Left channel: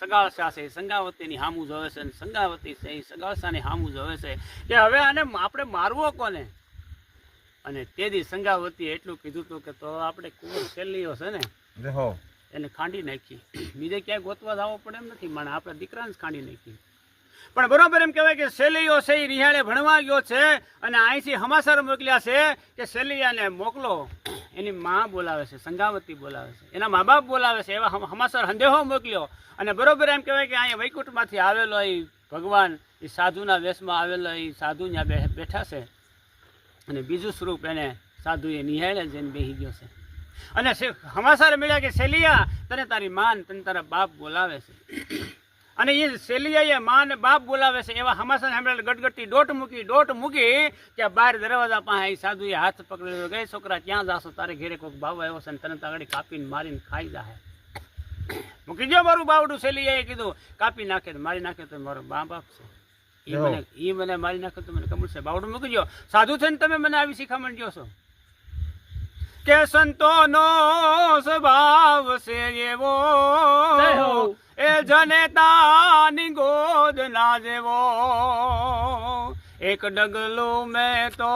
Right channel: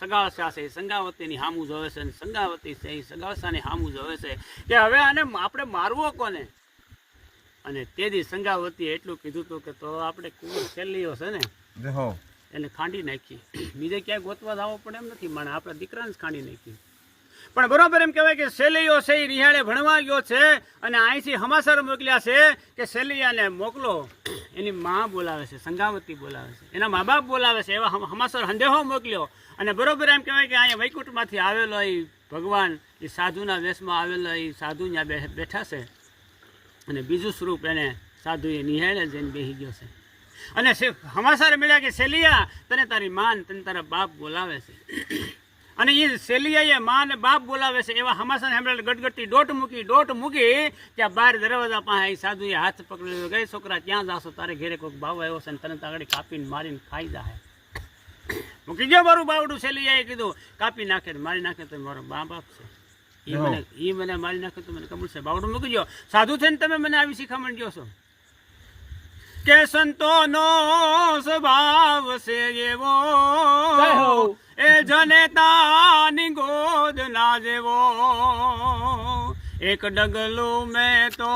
સગાળસા છે સંગાવતીની હામું જોવે છે અને સંગાવતી છે એ સગાળસાની હામું જોવે છે કે હવે આને આપણે મારવો કોને. અને તેથી સંગાવતીએ એટલું કીધું હતું કે તો આપણે કુંવર શેલીઓ છે ને એને ખાંડી નાખી, બીજે ક્યાંય ગોતવા જવો પડે એમ નથી, માણે આપણા દીકરાને જ ખાંડી નાખી. પણ બરોબર એમ કહેવાય કે શેલીઓ છે એ રિહાળે ભણવા ગયો છે અને અહીંથી હમાસર મોકલ્યા છે કે શેલિયાને મોકલો. એની માં બોલાવે છે, સંગાવતી બોલાવે છે, એના મા બાપ બોલાવે છે, એવા હમાસર સંદેહો મોકલ્યો. અને બરોબર એમ કહેવાય કે અહીંયા વૈકુંઠમાંથી આવેલો એ ભગવાન એ સાધુના વેશમાં આવેલો એ સાધુ ત્યાં બેઠા છે અને બીજું સ્વરૂપ એને સાધુએ નિહાળે જઈને બેસી ગયો છે. અને હમાસર મળ્યા કે શેલિયા તને તારી માન તને તારા બાપ બોલાવે છે. અને એ શેલિયાએ મા ને બાપ બોલાવે છે એવા હમાસર સાંભળે ગટગટી ડોટ મૂકી ત્યાં બહાર દરવાજા પાસે એ સાધુએ હાથ પકડેલો, ગઈ છોકરા ક્યાં જાશો, તારે ઘેરે કોઈક ભાવ આવ્યો છે ને તને તાગડી કાપીને મારીને ખાઈ જાય. મૂકી ગયો મારું બાવડું. શેલિયાએ કીધું કાપી નાખે મારી નાખે તો મારો બાપ છે, એ મને મારી નાખે તો મને કબૂલ છે. બાવડું મૂકી ગયો. સાધુ થઈને તમે મને આવી શીખામણ કહો છો કે સંતોનો સ્વભાવ છે એવો, એ જનેતાની ગોદ ના જેવો. એક ડગલું મેં તો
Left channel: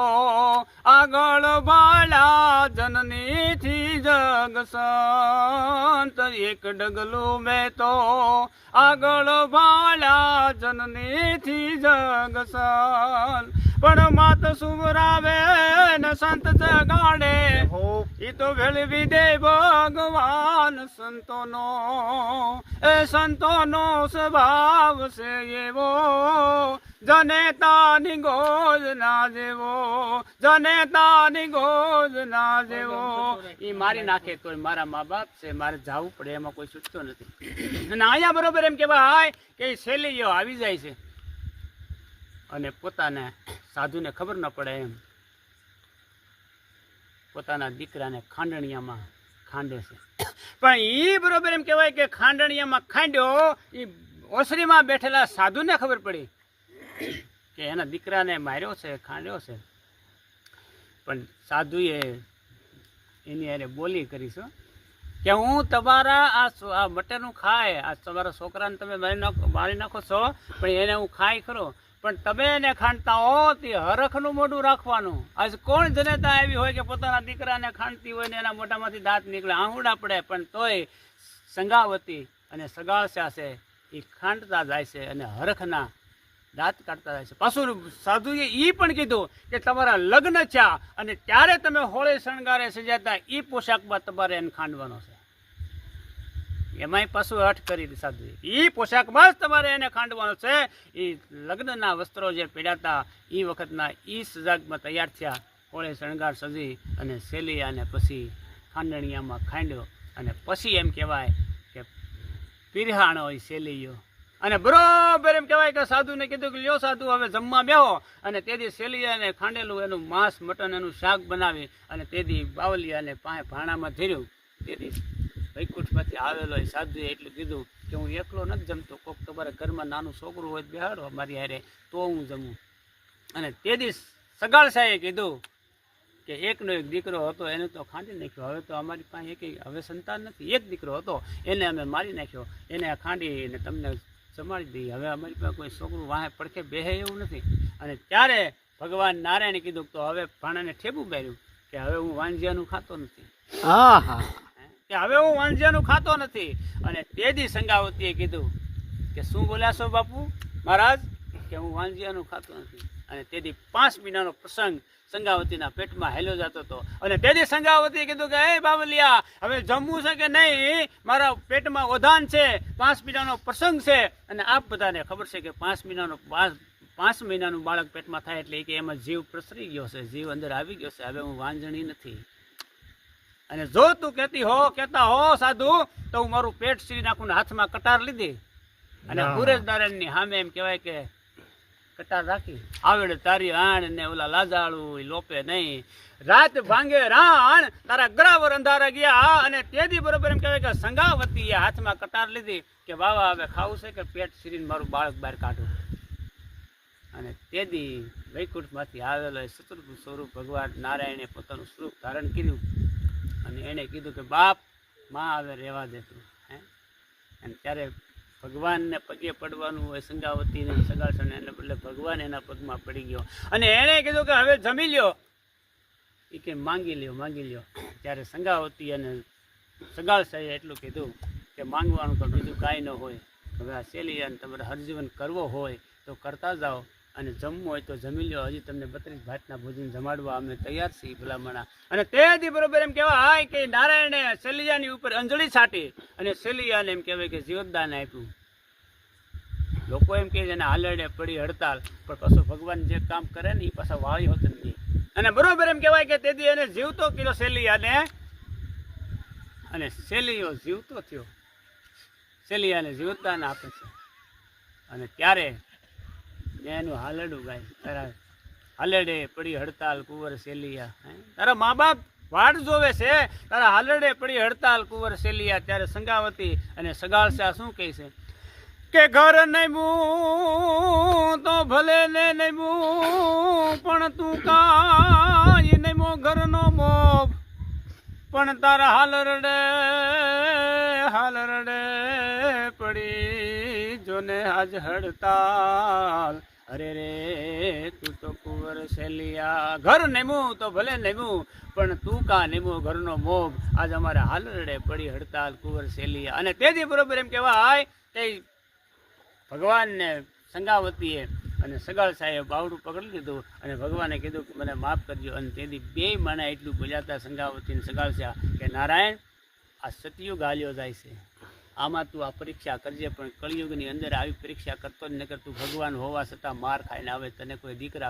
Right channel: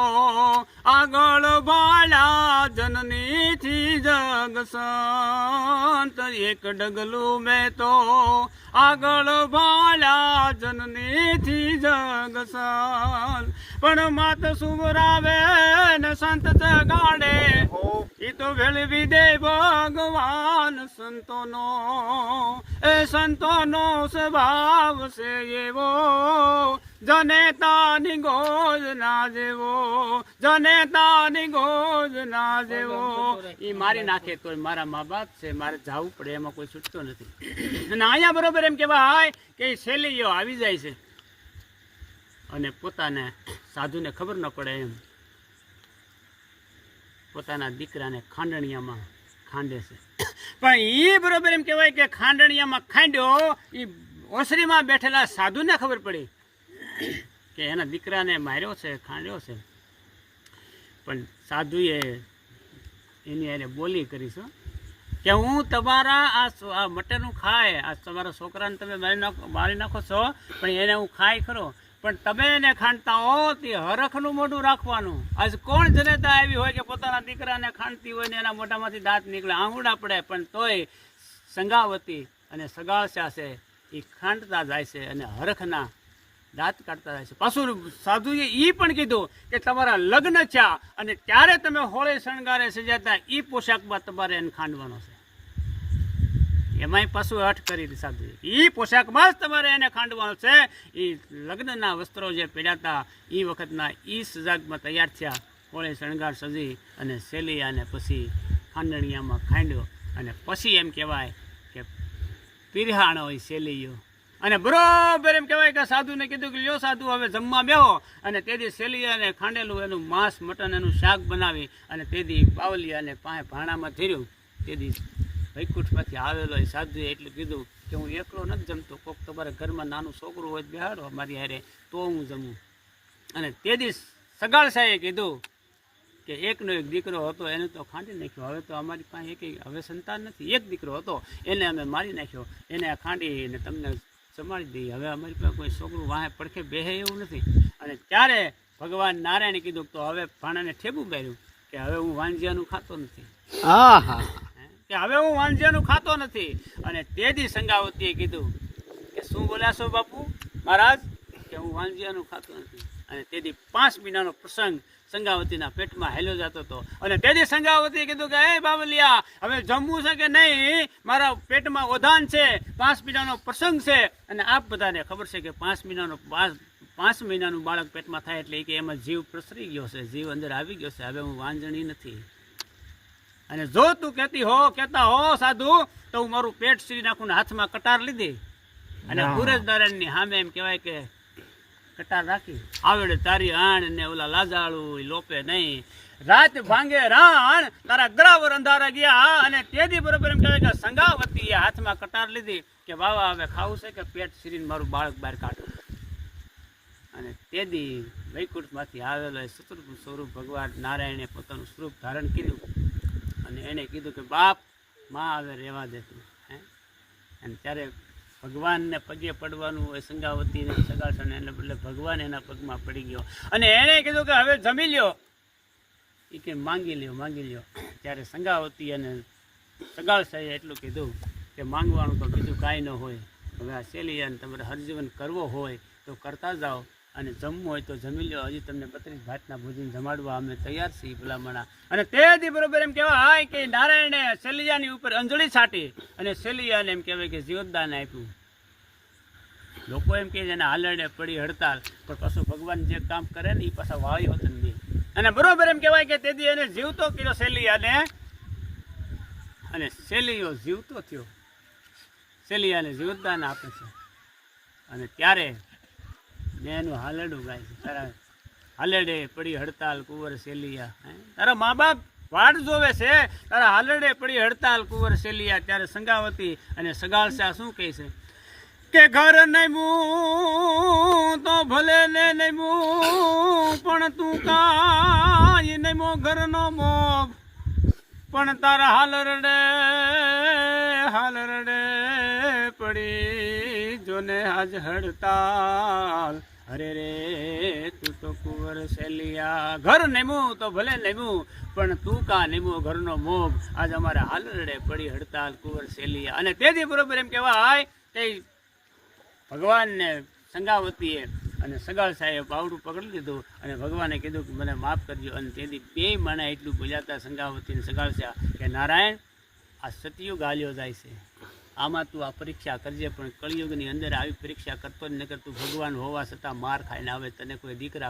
આગળ ભાળ્યા જનનીથી જગ સંત, એક ડગલું મેં તો આગળ ભાળ્યા જનનીથી જગ સંત. પણ માત સુવરાવે ને સંત જગાડે એ તો વેળવી દે ભગવાન સંતોનો. એ સંતોનો સ્વભાવ છે એવો, જનેતાની ગોજ ના જેવો, જનેતાની ગોજ ના જેવો. એ મારી નાખે તો મારા મા બાપ છે, મારે જવું પડે એમાં કોઈ છૂટતો નથી. અને અહીંયા બરોબર એમ કહેવાય કે શેલીઓ આવી જાય છે અને પોતાને સાધુને ખબર ન પડે એમ પોતાના દીકરાને ખાંડણિયામાં ખાંડે છે. પણ એ બરોબર એમ કહેવાય કે ખાંડણિયામાં ખાંડ્યો એ ઓસરીમાં બેઠેલા સાધુને ખબર પડી કે એના દીકરાને માર્યો છે, ખાંડ્યો છે. પણ સાધુએ એની હારે બોલી કરીશું કે હું તમારા આ મટરનું ખાય, આ તમારા છોકરાને તમે મારી નાખો છો, પણ એને હું ખાય ખરો, પણ તમે એને ખાંડતા હો તે હરખનું મોઢું રાખવાનું. આજ કોણ જનેતા આવી હોય કે પોતાના દીકરાને ખાંડતી હોય ને એના મોઢામાંથી દાંત નીકળે, આંગુડા પડે, પણ તોય સંગાવતી અને સગાળસા છે એ ખાંડતા જાય છે અને હરખના દાંત કાઢતા જાય છે. પાછું સાધુએ એ પણ કીધું કે તમારા લગ્ન થયા અને ત્યારે તમે હોળે શણગારે સજાતા એ પોશાકમાં તમારે એને ખાંડવાનો છે. એમાંય પાછું હઠ કરી સાધુએ એ પોશાકમાં જ તમારે એને ખાંડવાનો છે. એ લગ્નના વસ્ત્રો જે પહેર્યાતા એ વખતના એ સજાગમાં તૈયાર થયા, હોળે શણગાર સજી અને શેલિયાને પછી ખાંડણિયામાં ખાંડ્યો. અને પછી એમ કહેવાય કે પીરહાણો હોય શેલીયો. અને બરોબર એમ કહેવાય કે સાધુને કીધું કે લ્યો સાધુ હવે જમવા બેહો. અને તેથી શેલિયાને ખાંડેલું એનું માંસ મટન એનું શાક બનાવી અને તેથી બાવલિયાને પાસે ભાણામાં ધર્યું. તેથી વૈકુંઠમાંથી આવેલો એ સાધુએ એટલું કીધું કે હું એકલો નથી જમતો, કોઈક તમારા ઘરમાં નાનું છોકરું હોય બેહાડો મારી હારે તો હું જમું. અને તેથી સગાળસાએ કીધું કે એકનો એક દીકરો હતો એને તો ખાંડી નાખ્યો, હવે તો અમારી પાસે હવે સંતાન નથી, એક દીકરો હતો એને અમે મારી નાખ્યો, એને ખાંડીને તમને જમાડી દઈએ, હવે અમારી પાસે કોઈ છોકરું વાહે પડખે બેહે એવું નથી. અને ત્યારે ભગવાન નારાયણે કીધું તો હવે ભાણાને ઠેબું બાર્યું કે હવે હું વાંજિયાનું ખાતો નથી, કે હવે હું વાંજિયાનું ખાતો નથી. અને તેથી સંગાવતીએ કીધું કે શું બોલ્યા છો બાપુ મહારાજ, કે હું વાંજિયાનું ખાતો નથી. અને તેથી 5 મહિનાનો પ્રસંગ સંગાવતીના પેટમાં હેલ્યો જતો હતો. અને તેથી સંગાવતીએ કીધું કે હે બાવલિયા હવે જમવું છે કે નહીં, મારા પેટમાં ઓધાન છે, 5 મહિનાનો પ્રસંગ છે. અને આપ બધાને ખબર છે કે 5 મહિનાનું બાળક પેટમાં થાય એટલે કે એમાં જીવ પ્રસરી ગયો છે, જીવ અંદર આવી ગયો છે, હવે હું વાંજણી નથી. અને જો તું કહેતા હો સાધુ તો હું મારું પેટ સીરી નાખું ને હાથમાં કટાર લીધી અને સૂરજ નારાયણની સામે એમ કહેવાય કે કટાર રાખી આવડે તારી આણ ને ઓલા લાજાળું લોપે નહીં, રાત ભાંગે રાણ તારા ગરાવર અંધારા ગયા. અને તેથી બરોબર એમ કહેવાય કે સંગાવતીએ હાથમાં કટાર લીધી કે બાવા હવે ખાવું છે કે પેટ સીરીને મારું બાળક બહાર કાઢું. અને તેથી વૈકુંઠમાંથી આવેલો ચતુર્ભુજ સ્વરૂપ ભગવાન નારાયણે પોતાનું સ્વરૂપ ધારણ કર્યું અને એને કીધું કે બાપ માં હવે રહેવા દેતું. અને ત્યારે ભગવાનને પગે પડવાનું હોય સંગાવતીને સગાસને, એટલે બદલે ભગવાન એના પગમાં પડી ગયો અને એણે કીધું કે હવે જમી લ્યો. એ કે માંગી લ્યો. ત્યારે સંગાવતી અને સગાવસાએ એટલું કીધું કે માંગવાનું તો બીજું કાંઈ ન હોય. હવે આ શેલિયાને તમારે હરજીવન કરવો હોય તો કરતા જાઓ અને જમવું હોય તો જમી લ્યો. હજી તમને 32 ભાતના ભોજન જમાડવા અમે તૈયાર છીએ ભલામણા. અને તેથી બરોબર એમ કહેવાય હાય કે નારાયણે શેલિયાની ઉપર અંજળી છાંટી અને શેલિયાને એમ કહેવાય કે જીવતદાન આપ્યું. લોકો એમ કહે છે એને હાલરડે પડી હડતાલ, પણ પાછું ભગવાન જે કામ કરે ને એ પાછા વાળી હોત નથી. અને બરોબર એમ કહેવાય કે તેથી એને જીવતો કર્યો શેલિયાને, અને શેલિયો જીવતો થયો. શેલિયાને જીવતદાન આપે છે. અને ત્યારે મેં એનું હાલરડું ગાય છે. તારા હાલરડે પડી હડતાલ કુંવર શેલિયા, તારા મા બાપ વાટ જોવે છે, તારા હાલરડે પડી હડતાલ કુંવર શેલિયા. ત્યારે સંગાવતી અને સગાળસા શું કહે છે કે ઘર નમ્યું તો ભલે ને નમ્યું, પણ તું કાંઈ નમો ઘરનો મોભ, પણ તારા હાલરડે પડી જોને આજ હડતાલ. અરે રે તું તો કુંવર શેલિયા, ઘર નેમું તો ભલે નેમું, પણ તું કા નેમું ઘરનો મોભ, આજ અમારા હાલરડે પડી હડતાલ કુંવર શેલિયા. અને તેથી બરોબર એમ કહેવાય તે ભગવાનને સંગાવતીએ અને સગાળસાએ બાવડું પકડી લીધું અને ભગવાને કીધું કે મને માફ કરજો. અને તેથી બે માણા એટલું બોલ્યા સંગાવતી અને સગાળસા કે નારાયણ, આ સતયુગ હાલ્યો જાય છે, આમાં તું આ પરીક્ષા કરજે, પણ કળિયુગની અંદર આવી પરીક્ષા કરતો જ નકર તું ભગવાન હોવા છતાં માર ખાઈને આવે, તને કોઈ દીકરા